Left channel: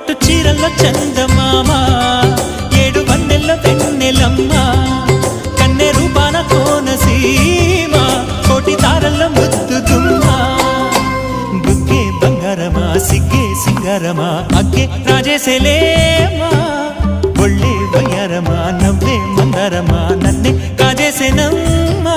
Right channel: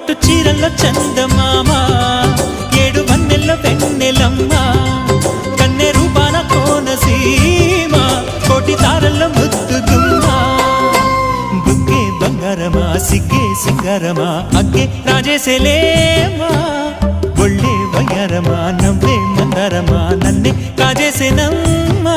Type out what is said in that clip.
పట్టు చీరల్లో చందమామ, 7 వన్నెల్లో వెన్నెలమ్మ, కన్నె రూపాన కోనసీమ, కోటి తారల్లో ముద్దు గుమ్మ. బుగ్గే బంగారమా సిగ్గే సింగారమా, అగ్గే రాజేసేలేమా, ఒళ్ళే వయ్యారమా నవ్వే మందారమా, నన్నే కాజేసేనమ్మా.